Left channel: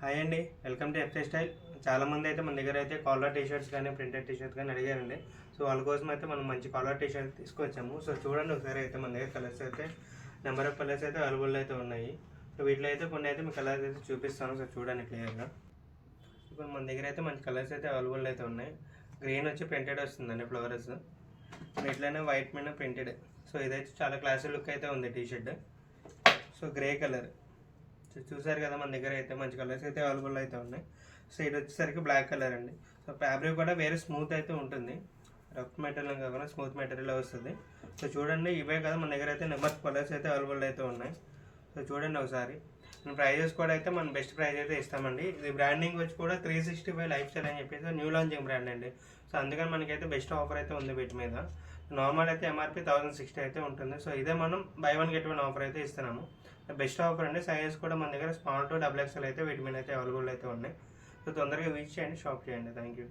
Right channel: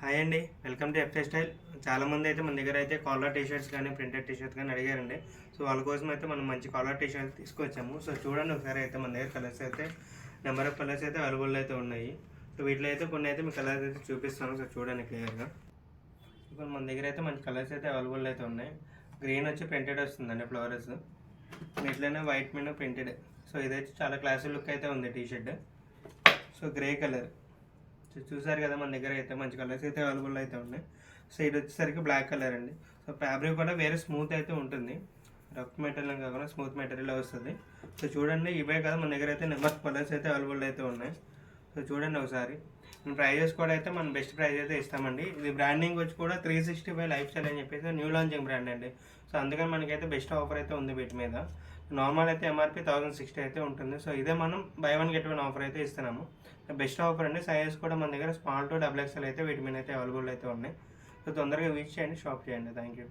Hi అండి, welcome to f i style. చాలామంది అయితే మన దగ్గర అయితే కాలర్ టీషర్ట్స్ కానీ ప్రింటెడ్ టీషర్ట్స్ కానీ అడిగారండి. సో వాళ్ళ కోసం అయితే మనం మంచి కాలర్ టీషర్ట్ తీసుకొచ్చాము. సో చూడండి ఒకసారి అయితే మన దగ్గర కలర్స్ అయితే నెంబర్ ఆఫ్ కలర్స్ అయితే అవైలబుల్ అయితే ఉన్నాయి. సో వీటిలో అయితే కొన్ని అయితే మీ కలర్స్ అయితే చూపిస్తాను. సో చూడండి క్లియర్గా. ఇప్పుడు మన దగ్గర అయితే మంచి కలర్స్ అయితే అవైలబుల్ అయితే ఉన్నాయి. గ్రీన్ వచ్చి ప్రింటెడ్ వస్తుందండి ఫ్లవర్స్, వీటిలోనే వైట్ మీద ప్రింటెడ్. సో ఇదైతే చాలా క్లాసిక్ లుక్ అయితే ఉంది టీషర్ట్. సో గ్రే కలర్ చూసారు కదా, మన దగ్గర అయితే మంచి కలర్స్ అయితే అవైలబుల్ అయితే ఉన్నాయి. సో ఇది వచ్చేసరికి బ్లాక్ కలర్ అండి. సో ఫ్యాబ్రిక్ కూడా వేరే స్మూత్ అయితే ఉంటుంది, రఫ్ మెటీరియల్ కాకుండా స్మూత్ మెటీరియల్ వస్తుంది. సో చూడండి, ఇవే కదా మన దగ్గర అయితే నెంబర్ కలర్స్ అయితే అవైలబుల్ అయితే ఉన్నాయి. సో చూడండి ఒకసారి. ప్రైజెస్ కూడా అయితే మనం బెస్ట్ ప్రైస్ అయితే ఇస్తామండి. ఇది బ్రాండింగ్ వచ్చి కూడా 365 లైఫ్ స్టైల్ అని చెప్పేసి న్యూ లాంచింగ్ బ్రాండ్ అండి. సో అందుకని మనకైతే బెస్ట్ ఆఫర్ అయితే ఉంది వీటి మీద. నార్మల్ అయితే ఎంఆర్పి 1060 అయితే ఉంటుంది. సో ఇదే మనం by one get one offer అయితే ఇస్తున్నాము. బెస్ట్ ఆఫర్ అండి. సైజెస్ కూడా మన దగ్గర స్మాల్ టు XXL అయితే వీటి మీద అయితే అవైలబుల్ అయితే ఉన్నాయి. సో తొందరగా రీచ్ చేయండి, షాప్ చేయండి. Thank you.